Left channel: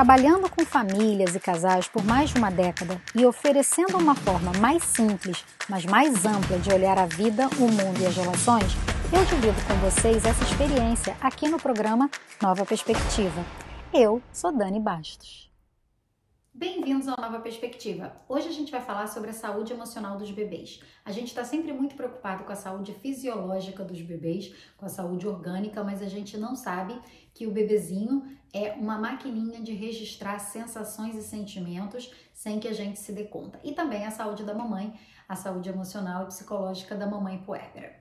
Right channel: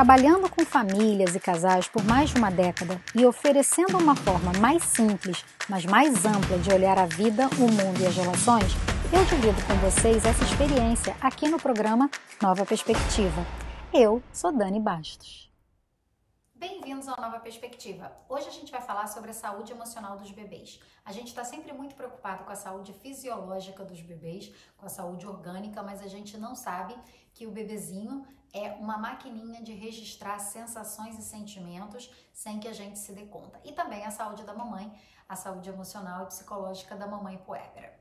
Trabalhando com famílias e casais por mais de uma década e oferecendo uma forma mais simples, mas mais ampla de olhar a vida, o mundo e as relações, eu divido com vocês essa experiência aqui no programa Nova Perspectiva. Eu sou Dani Bastos. Bem-vindos ao Nova Perspectiva. Hoje a gente vai falar sobre a saúde emocional dos bebês. A gente está sempre muito preocupado com a saúde fisiológica dos bebês, com a saúde orgânica, mas a gente não sabe que o bebezinho é uma maquininha de registrar sensações e sentimentos sem que a gente se dê conta. E também a saúde da mamãe, a saúde emocional e psicológica da mamãe puérpera.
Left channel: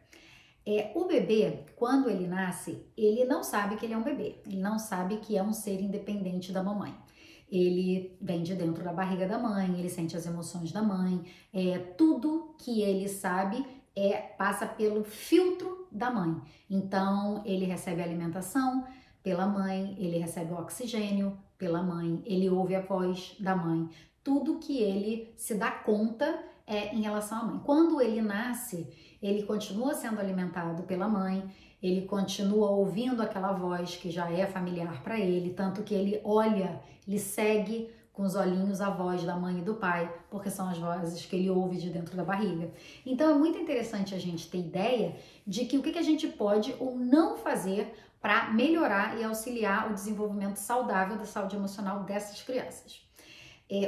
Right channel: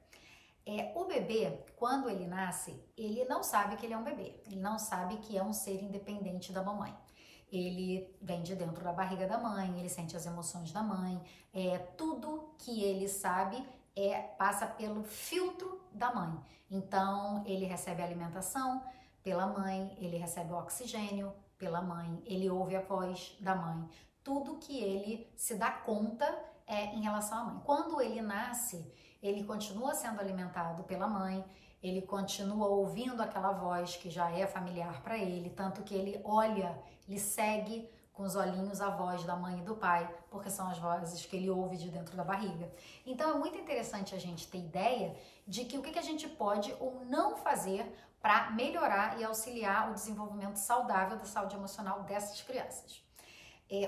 O bebê, quando ele nasce, ele não sabe que ele é um bebê, ele não sabe que é um ser independente da mamãe. Ele vem de dentro da barriga da mãe, ele sente as emoções da mãe, tudo que ele sabe passa pelo filtro da mãe. Então, ele recebe alimentação pela mãe, ele recebe oxigênio pela mãe, ele ouve a voz da mãe. Tudo que ele se dá conta é em relação à mãe. Quando ele nasce, ele continua sendo alimentado pela mãe, ele continua ouvindo aquela voz que já é familiar para ele, tanto que ele olha, ele segue com os olhinhos a voz da mãe e do pai, porque são as vozes que ele ouve de dentro da barriga. Então é muito interessante a gente ter ideia de que o que a gente pode ou não fazer para melhorar e auxiliar o desenvolvimento saudável da saúde emocional dessas crianças.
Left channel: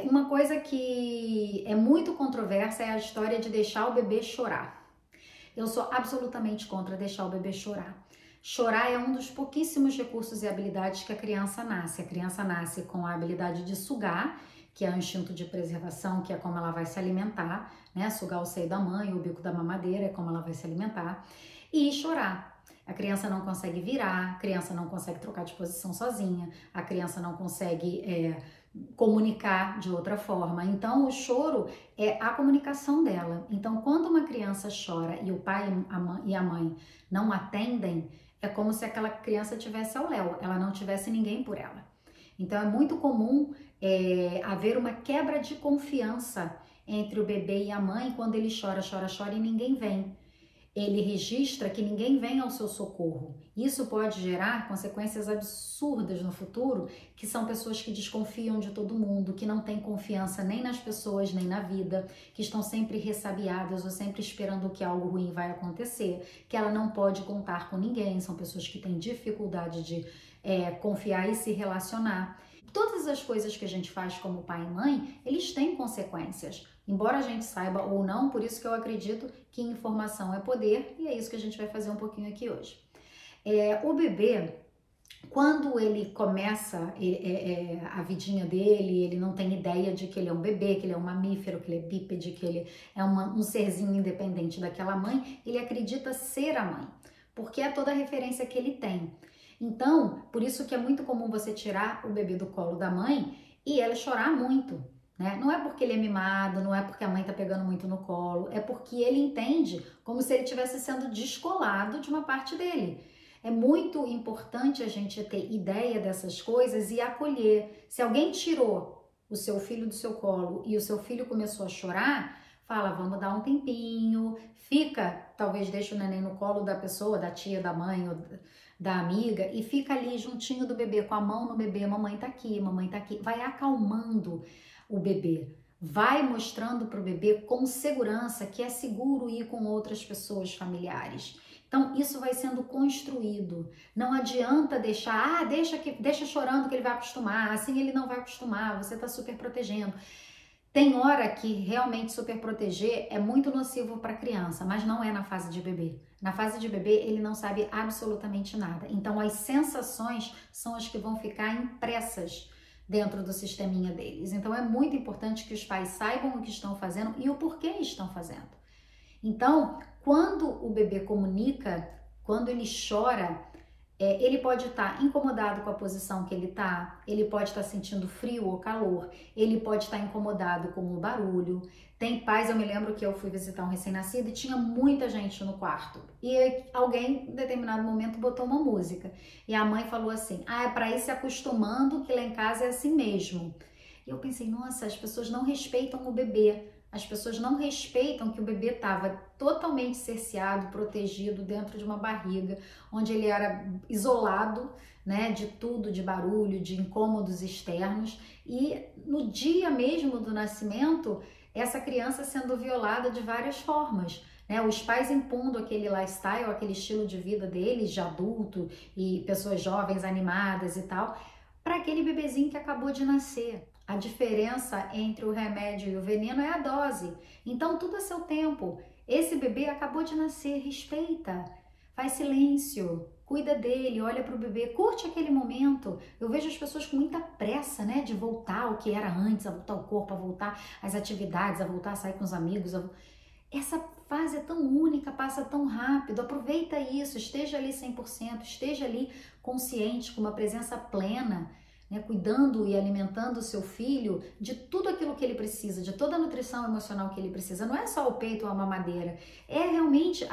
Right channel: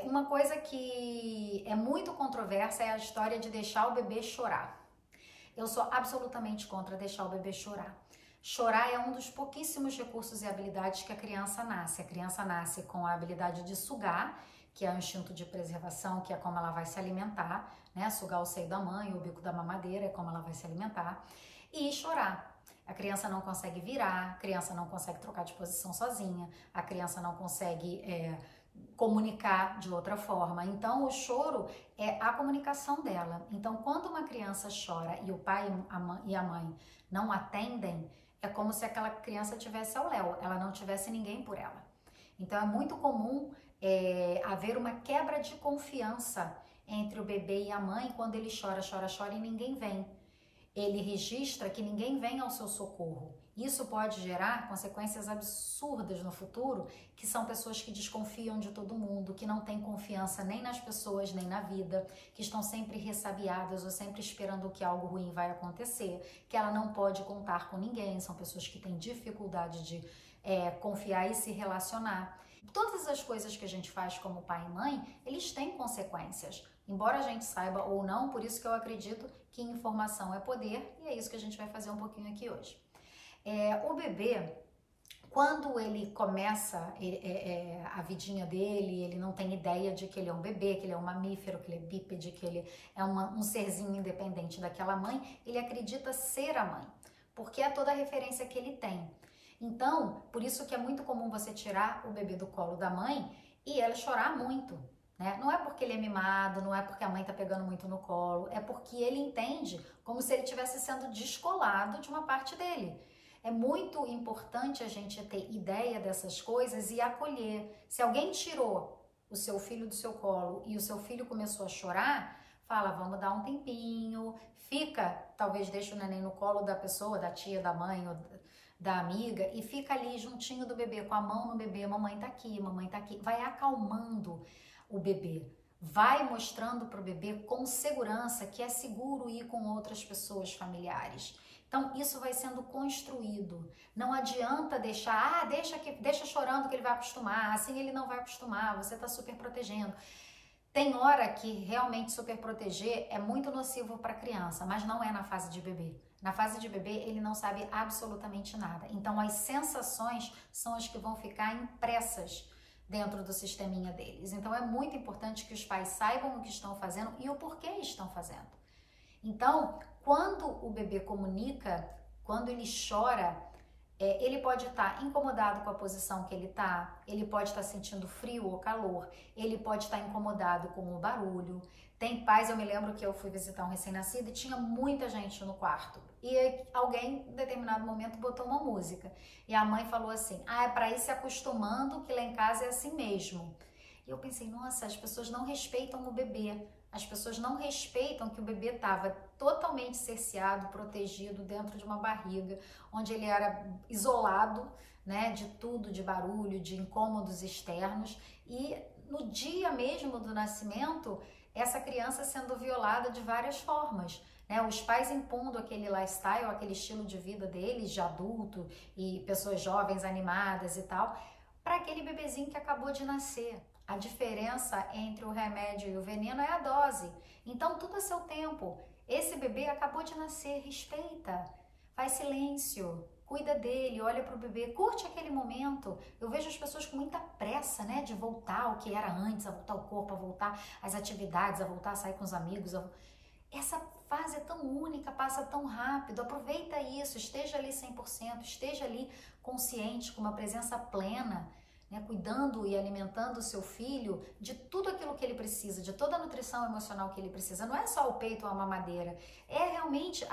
Uma coisa que é muito controversa é a história de deixar o bebê chorar. Eu sou absolutamente contra deixar o bebê chorar. Chorar é um dos pouquíssimos recursos e habilidades que a criança nasce. A criança nasce com a habilidade de sugar, que é o instinto de preservação, que é como ela vai se alimentar, né? Sugar o seio da mãe, o bico da mamadeira é como ela vai se alimentar. E chorar. A criança não consegue virar, a criança não consegue trocar de posição sozinha, a criança não consegue comunicar de outra forma. Então, o choro é a comunicação dela. Então, quando uma criança chora e o pai e a mãe não atendem, é como se aquela criança tivesse ao léu, ela não tivesse ninguém por ela. Então, é muito comum haver uma quebra de confiança entre o bebê e a mãe quando ele chora, chora, chora e ninguém vem. Ele registra que ninguém vem ao seu socorro. Isso pode gerar consequências absurdas no futuro, que são pessoas que desconfiam de todo mundo, que não têm confiança nem nas pessoas, nem na vida, que estão sempre ressabiadas ou sempre esperando que algo ruim vai acontecer, que ela não pode contar com ninguém, são pessoas que têm dificuldade de confiar e se relacionar. Todas as coisas que a gente faz como pai e mãe, eles têm consequências. Embora a gente saiba ou não, por isso que eu acredito que informação é poder, e é isso que a gente vai fazer um pouquinho aqui hoje. O bebê, quando ele começa a vidinha dele, ele não tem ideia de que ele é um bebê, que ele é um mamífero, que ele é bípede, que ele é um serzinho independente daquela mãe, ele acredita ser a mãe, porque é toda a referência que ele tem. Então, por isso que é muito comum você tirar o bebê do colo da mãe e ela chorar muito. Não é porque ele é mimado, não é porque a mãe tá pegando muito no colo, é porque ele entende como se ele estivesse sendo descolado de uma parte dele. É muito importante a gente ter ideia dessas coisas e acolher. Se alguém tirou o seu filho do seu colo e o seu filho começou a chorar, fala, vamos dar um tempinho, fica, talvez deixa o neném no colo da pessoa, da tia, da mãe ou da amiga e fica ali juntinho do bebê, com a mão no bebê, mamãe tá aqui, vai acalmando o bebê, vai mostrando para o bebê com segurança que é seguro ir com outras pessoas familiares. Então, isso vai sendo construído. Não adianta deixar, deixa chorando que ele vai acostumar, assim ele não vai acostumar, você está super protegendo. Tem hora que realmente super proteger é muito nocivo para a criança, mas não é na fase de bebê. Na fase de bebê, ele não sabe absolutamente nada. Então, as sensações são as que vão ficar impressas dentro do sisteminha deles. Então, é muito importante que os pais saibam o que estão fazendo e o porquê estão fazendo. Então, quando o bebê comunica, quando ele chora, ele pode estar incomodado com a posição que ele está, ele pode estar sentindo frio ou calor, ele pode estar incomodado com o barulho. Tem pais, eu me lembro que eu fui visitar um recém-nascido e tinha muita gente no quarto. E alguém, em determinado momento, botou uma música. E a mãe falou assim, é para ir se acostumando que lá em casa é assim mesmo. E eu pensei, nossa, as pessoas não respeitam o bebê. As pessoas não respeitam que o bebê estava totalmente cerceado, protegido dentro de uma barriga, onde ele era isolado, né, de tudo, de barulho, de incômodos externos, e no dia mesmo do nascimento, essa criança sendo violada de várias formas, né? Os pais impondo aquele lifestyle, aquele estilo de vida deles, de adulto e pessoas jovens, animadas e tal, para aquele bebezinho que acabou de nascer. A diferença entre o remédio e o veneno é a dose. Então, tudo a seu tempo. Esse bebê acabou de nascer, respeita, faz silêncio, cuida dele, olha para o bebê, curte aquele momento. Eu vejo as pessoas com muita pressa, né, de voltar ao que era antes, a voltar ao corpo, a voltar às atividades, a voltar a sair com os amigos. Essa fase é tão única, passa tão rápido. Aproveita isso, esteja ali 100%, esteja ali consciente, com uma presença plena, né, cuidando e alimentando o seu filho de tudo aquilo que ele precisa, de toda a nutrição emocional que ele precisa. Não é só o peito ou a mamadeira, é realmente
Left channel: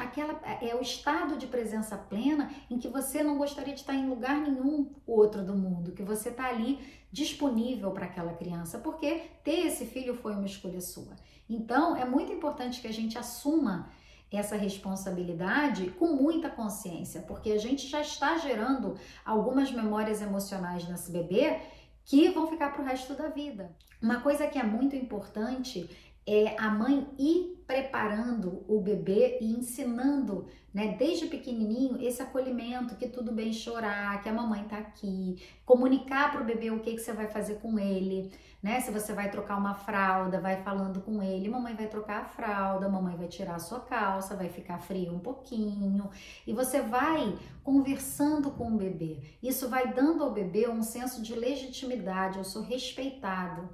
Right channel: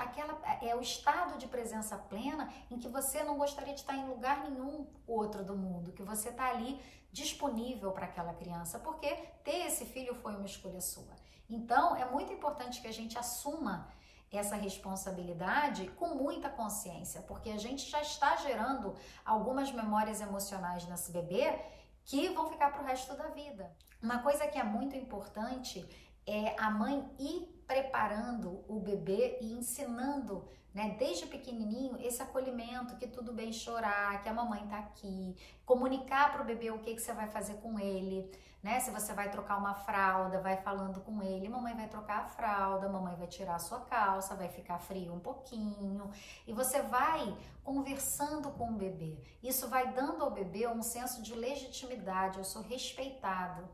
o estado de presença plena em que você não gostaria de estar em lugar nenhum outro do mundo, que você está ali disponível para aquela criança, porque ter esse filho foi uma escolha sua. Então, é muito importante que a gente assuma essa responsabilidade com muita consciência, porque a gente já está gerando algumas memórias emocionais nesse bebê que vão ficar para o resto da vida. Uma coisa que é muito importante é a mãe ir preparando o bebê e ensinando, né, desde pequenininho, esse acolhimento, que tudo bem chorar, que a mamãe tá aqui, comunicar para o bebê o que você vai fazer com ele, né? Se você vai trocar uma fralda, vai falando com ele, mamãe vai trocar a fralda, mamãe vai tirar a sua calça, vai ficar frio um pouquinho, e você vai conversando com o bebê. Isso vai dando ao bebê um senso de legitimidade, eu sou respeitado.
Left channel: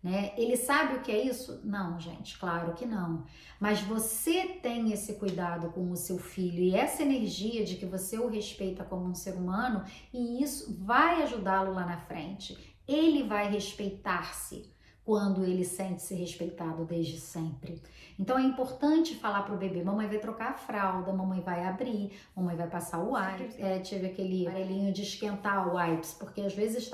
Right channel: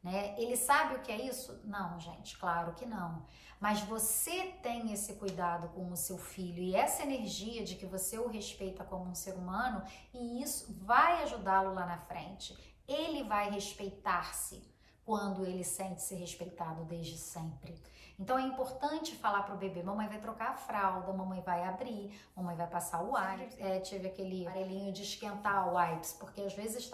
Né? Ele sabe o que é isso? Não, gente, claro que não. Mas você tem esse cuidado com o seu filho e essa energia de que você o respeita como um ser humano, e isso vai ajudá-lo lá na frente. Ele vai respeitar-se quando ele sente-se respeitado desde sempre. Então é importante falar para o bebê: mamãe vai trocar a fralda, mamãe vai abrir, mamãe vai passar o wipes. Tive aquele aparelhinho de esquentar o wipes, porque às vezes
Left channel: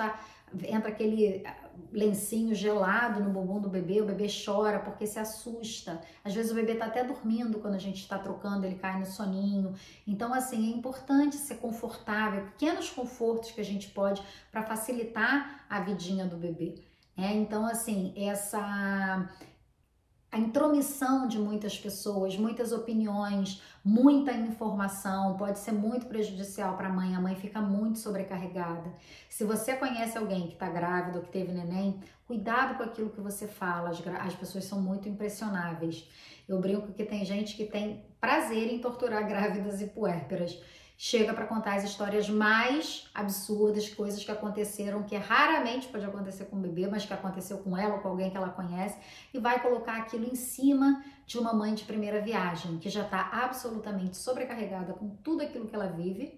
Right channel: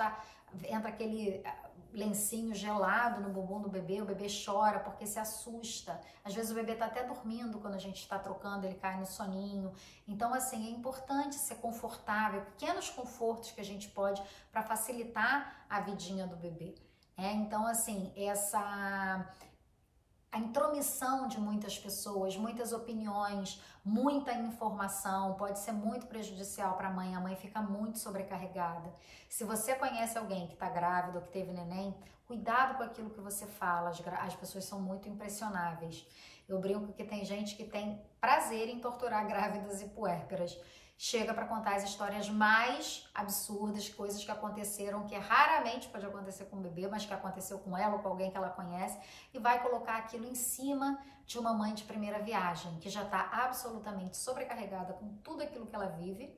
entra aquele lencinho gelado no bumbum do bebê, o bebê chora porque se assusta. Às vezes o bebê tá até dormindo quando a gente está trocando, ele cai no soninho. Então, assim, é importante ser confortável, pequenos confortos que a gente pode para facilitar a vidinha do bebê. Então, assim, a intromissão de muitas pessoas, muitas opiniões, muita informação pode ser muito prejudicial para a mãe fica muito sobrecarregada. Se você conhece alguém que está grávida ou que teve neném, cuidado com aquilo que você fala, as pessoas são muito impressionáveis. Eu brinco que tem gente que tem prazer em torturar grávidas e puérperas. Chega para contar as histórias mais absurdas, coisas que aconteceram, que raramente pode acontecer com o bebê, mas que aconteceu com ela ou com alguém que ela conhece, e vai colocar aquilo em cima de uma mãe de primeira viagem, que já está absolutamente sobrecarregada com tudo aquilo que ela vive,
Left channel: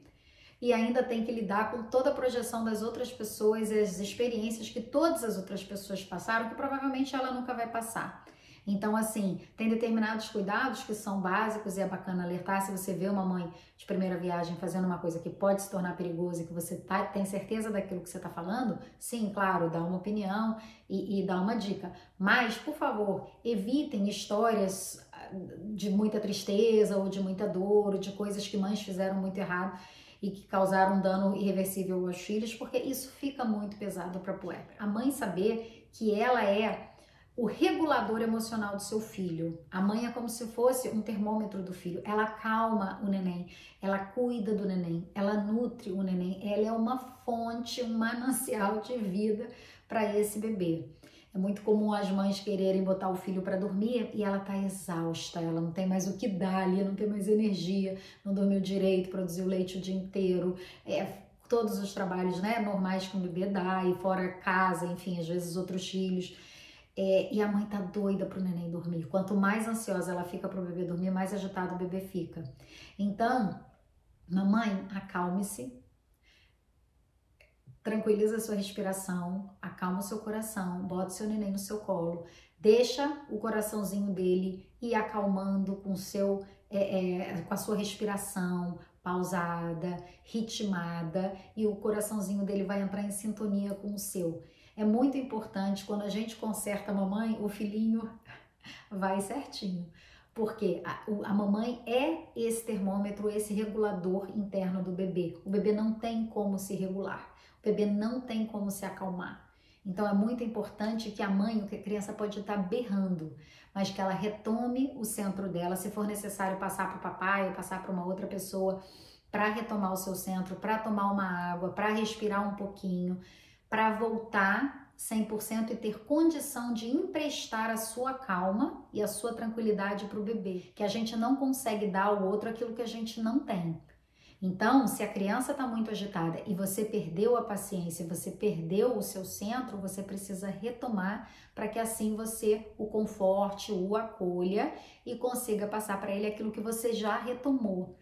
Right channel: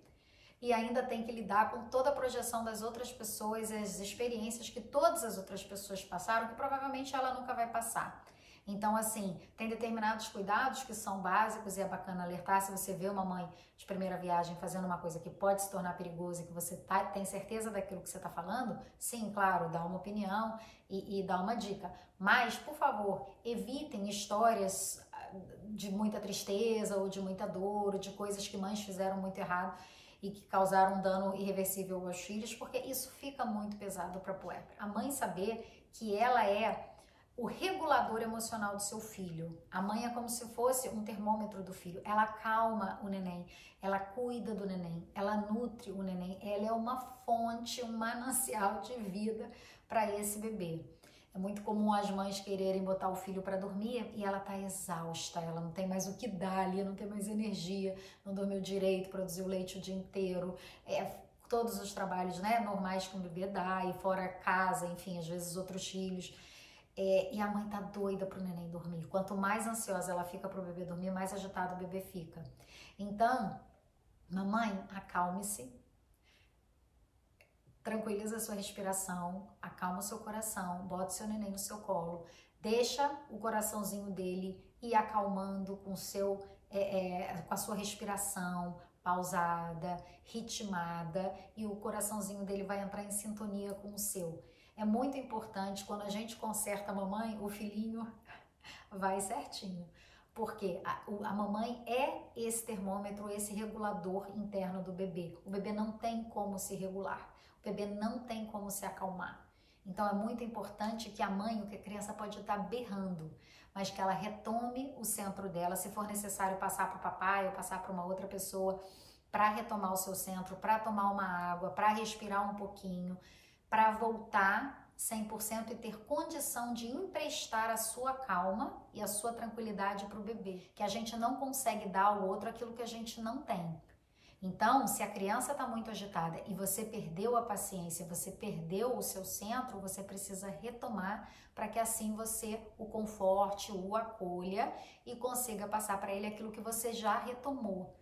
e ainda tem que lidar com toda a projeção das outras pessoas e as experiências que todas as outras pessoas passaram, que provavelmente ela nunca vai passar. Então, assim, tem determinados cuidados que são básicos e é bacana alertar. Se você vê uma mãe de primeira viagem fazendo uma coisa que pode se tornar perigosa e que você tem certeza daquilo que você está falando, sim, claro, dá uma opinião e dá uma dica. Mas, por favor, evitem histórias de muita tristeza ou de muita dor, ou de coisas que mães fizeram muito errado e que causaram um dano irreversível aos filhos, porque isso fica muito pesado para a puérpera. A mãe saber que ela é o regulador emocional do seu filho. A mãe é como se fosse um termômetro do filho. Ela acalma o neném, ela cuida do neném, ela nutre o neném. Ela é uma fonte, um manancial de vida para esse bebê. É muito comum as mães quererem botar o filho para dormir e ela tá exausta, ela não tem mais o que dar ali, não tem mais energia, não dormiu direito, produziu leite o dia inteiro, todos os trabalhos, né, normais que um bebê dá, e fora casa, enfim, às vezes outros filhos. E a mãe tá doida pro neném dormir. Quanto mais ansiosa ela fica pro bebê dormir, mais agitado o bebê fica. Então, mamãe, acalme-se, tranquiliza a sua respiração, acalma o seu coração, bota o seu neném no seu colo, deixa o coraçãozinho dele ir acalmando com a sua respiração pausada, ritmada, e o coraçãozinho dele vai entrar em sintonia com o seu. É muito importante, quando a gente conserta a mamãe, o filhinho Vai certinho. Porque a mamãe é esse termômetro, esse regulador interno do bebê. O bebê não tem como se regular, o bebê não tem como se acalmar. Então é muito importante que a mãe, que a criança pode estar berrando, mas que ela retome o centro dela, se for necessário passar para o papai ou passar para uma outra pessoa para retomar o seu centro, para tomar uma água, para respirar um pouquinho, para voltar 100% e ter condição de emprestar a sua calma e a sua tranquilidade para o bebê, que a gente não consegue dar ao outro aquilo que a gente não tem. Então, se a criança está muito agitada e você perdeu a paciência, você perdeu o seu centro, você precisa retomar para que assim você o conforte, o acolha e consiga passar para ele aquilo que você já retomou.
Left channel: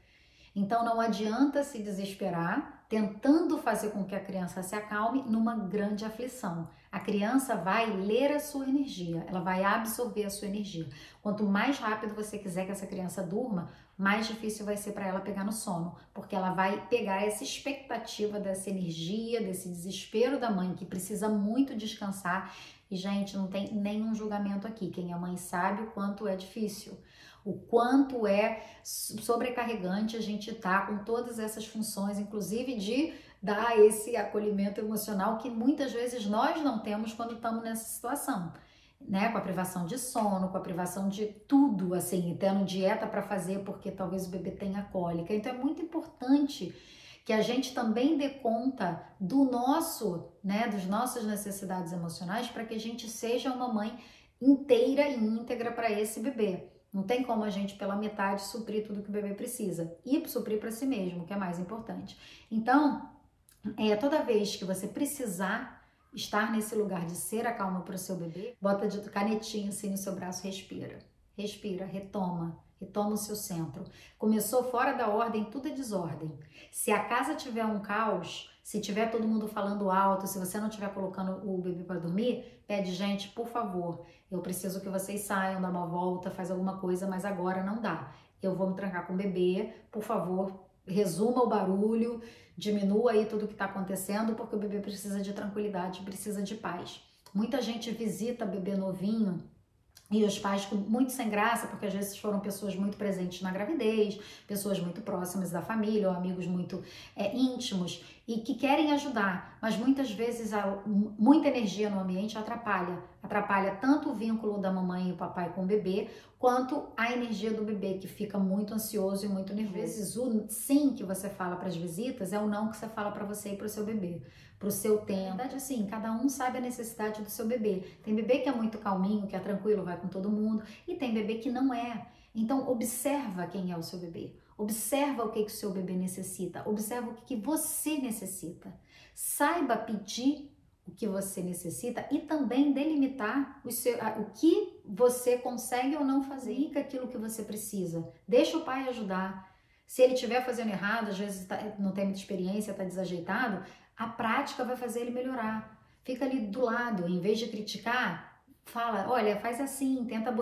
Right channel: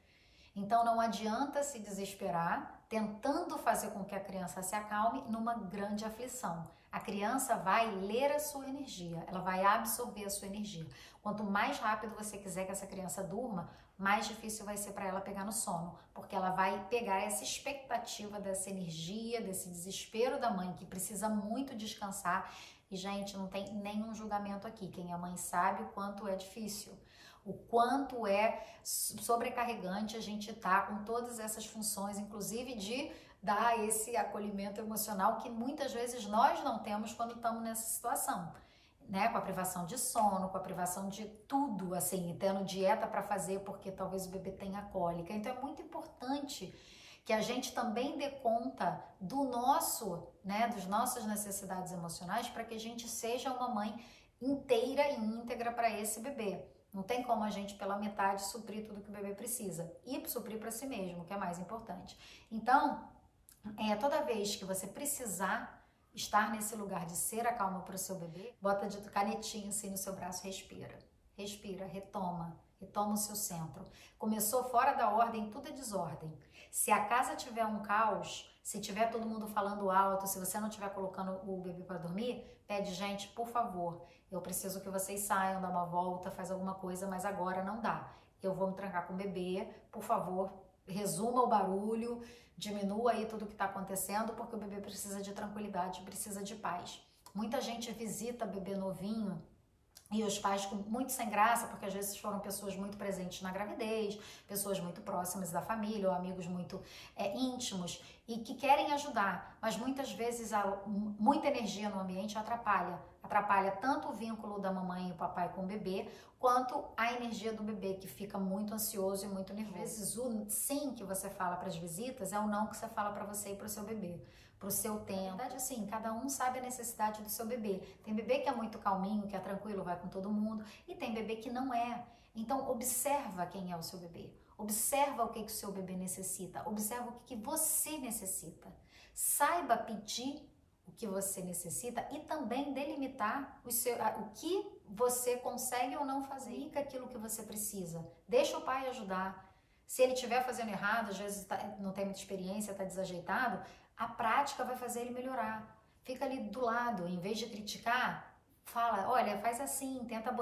Então não adianta se desesperar tentando fazer com que a criança se acalme numa grande aflição. A criança vai ler a sua energia, ela vai absorver a sua energia. Quanto mais rápido você quiser que essa criança durma, mais difícil vai ser para ela pegar no sono, porque ela vai pegar essa expectativa dessa energia, desse desespero da mãe que precisa muito descansar. E, gente, não tem nenhum julgamento aqui. Quem é mãe sabe o quanto é difícil, o quanto é sobrecarregante a gente tá com todas essas funções, inclusive de dar esse acolhimento emocional que muitas vezes nós não temos quando estamos nessa situação, né? Com a privação de sono, com a privação de tudo, assim, tendo dieta para fazer porque talvez o bebê tenha cólica. Então é muito importante que a gente também dê conta do nosso, né, das nossas necessidades emocionais para que a gente seja uma mãe inteira e íntegra para esse bebê. Não tem como a gente, pela metade, suprir tudo que o bebê precisa. E suprir para si mesmo, que é mais importante. Então, toda vez que você precisar estar nesse lugar de ser a calma para o seu bebê, bota de canetinha assim no seu braço, respira. Respira, retoma. Retoma o seu centro. Começou fora da ordem, tudo é desordem. Se a casa tiver um caos, se tiver todo mundo falando alto, se você não estiver colocando o bebê para dormir, pede, gente, por favor, eu preciso que vocês saiam, dá uma volta, faz alguma coisa, mas agora não dá. Eu vou me trancar com o bebê, por favor, resuma o barulho, diminua aí tudo que está acontecendo, porque o bebê precisa de tranquilidade, precisa de paz. Muita gente visita bebê novinho e os pais com muito sem graça, porque às vezes foram pessoas muito presentes na gravidez, pessoas muito próximas da família ou amigos muito íntimos e que querem ajudar, mas muitas vezes muita energia no ambiente atrapalha tanto o vínculo da mamãe e o papai com o bebê, quanto a energia do bebê, que fica muito ansioso e muito nervoso. Às vezes o sim que você fala para as visitas é o não que você fala para você e para o seu bebê, para o seu tempo. Na verdade, assim, cada um sabe a necessidade do seu bebê. Tem bebê que é muito calminho, que é tranquilo, vai com todo mundo, e tem bebê que não é. Então, observa quem é o seu bebê. Observa o que o seu bebê necessita. Observa o que você necessita. Saiba pedir o que você necessita e também delimitar o que você consegue ou não fazer. Indica aquilo que você precisa. Deixa o pai ajudar. Se ele estiver fazendo errado, às vezes não tem muita experiência, está desajeitado, a prática vai fazer ele melhorar. Fica ali do lado, em vez de criticar, fala, olha, faz assim, tenta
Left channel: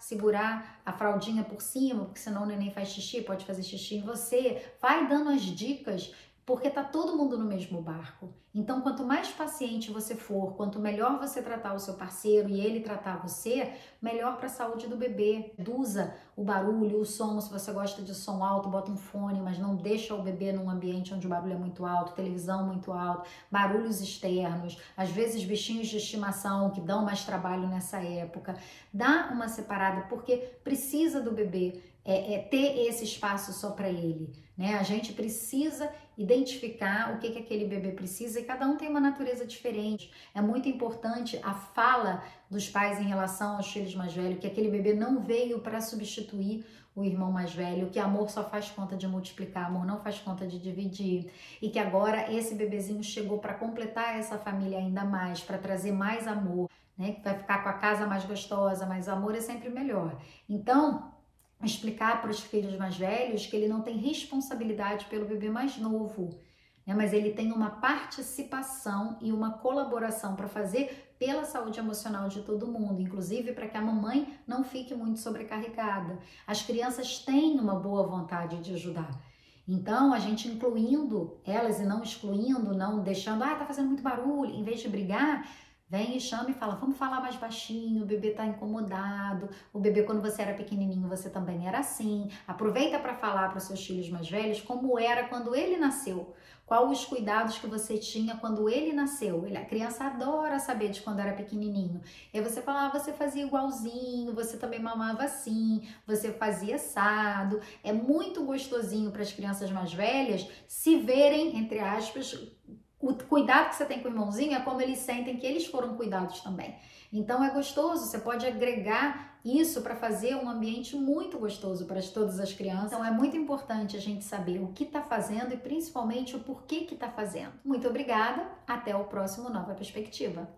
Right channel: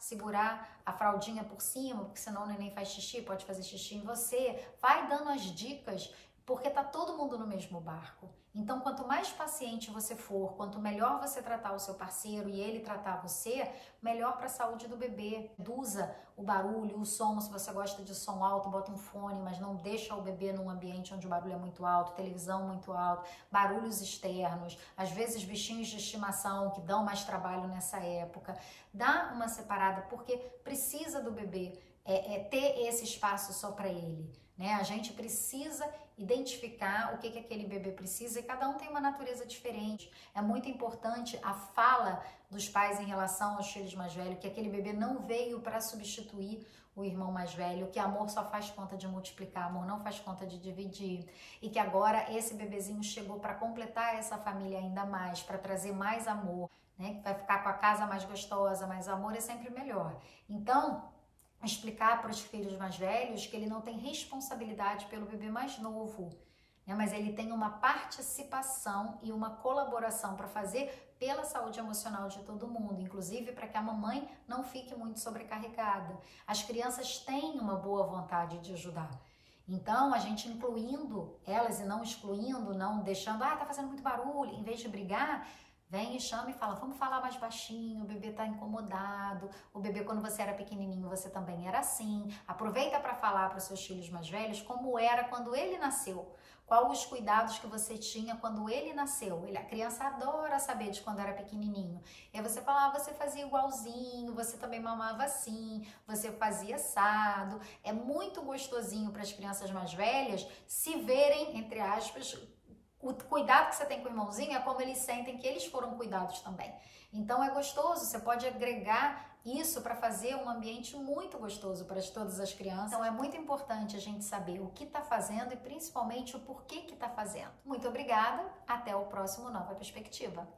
segurar a fraldinha por cima, porque senão o neném faz xixi, pode fazer xixi em você. Vai dando as dicas, porque tá todo mundo no mesmo barco. Então, quanto mais paciente você for, quanto melhor você tratar o seu parceiro e ele tratar você, melhor para a saúde do bebê. Reduza o barulho, o som, se você gosta de som alto, bota um fone, mas não deixa o bebê num ambiente onde o barulho é muito alto, televisão muito alto, barulhos externos, às vezes bichinhos de estimação que dão mais trabalho nessa época. Dá uma separada, porque precisa do bebê ter esse espaço só para ele, né? A gente precisa identificar o que aquele bebê precisa e cada um tem uma natureza diferente. É muito importante a fala dos pais em relação aos filhos mais velhos, que aquele bebê não veio para substituir o irmão mais velho, que amor só faz conta de multiplicar, amor não faz conta de dividir, e que agora esse bebezinho chegou para completar essa família ainda mais, para trazer mais amor, né? Que vai ficar com a casa mais gostosa, mas amor é sempre melhor. Então, explicar para os filhos mais velhos que ele não tem responsabilidade pelo bebê mais novo, né? Mas ele tem uma participação e uma colaboração para fazer pela saúde emocional de todo mundo, inclusive para que a mamãe não fique muito sobrecarregada. As crianças têm uma boa vontade de ajudar. Então, a gente incluindo elas e não excluindo, não deixando, tá fazendo muito barulho, em vez de brigar, Vem e chama e fala, vamos falar mais baixinho, o bebê tá incomodado, o bebê quando você era pequenininho você também era assim. Aproveita para falar para os seus filhos mais velhos como era quando ele nasceu. Qual os cuidados que você tinha quando ele nasceu? A criança adora saber de quando era pequenininho. E aí você fala, você fazia igualzinho, você também mamava assim, você fazia assado. É muito gostosinho para as crianças mais velhas se verem, entre aspas, o cuidado que você tem com o irmãozinho é como eles sentem que eles foram cuidados também. Então é gostoso, você pode agregar isso para fazer um ambiente muito gostoso para todas as crianças. Então é muito importante a gente saber o que está fazendo e principalmente o porquê que está fazendo. Muito obrigada, até o próximo Nova Perspectiva.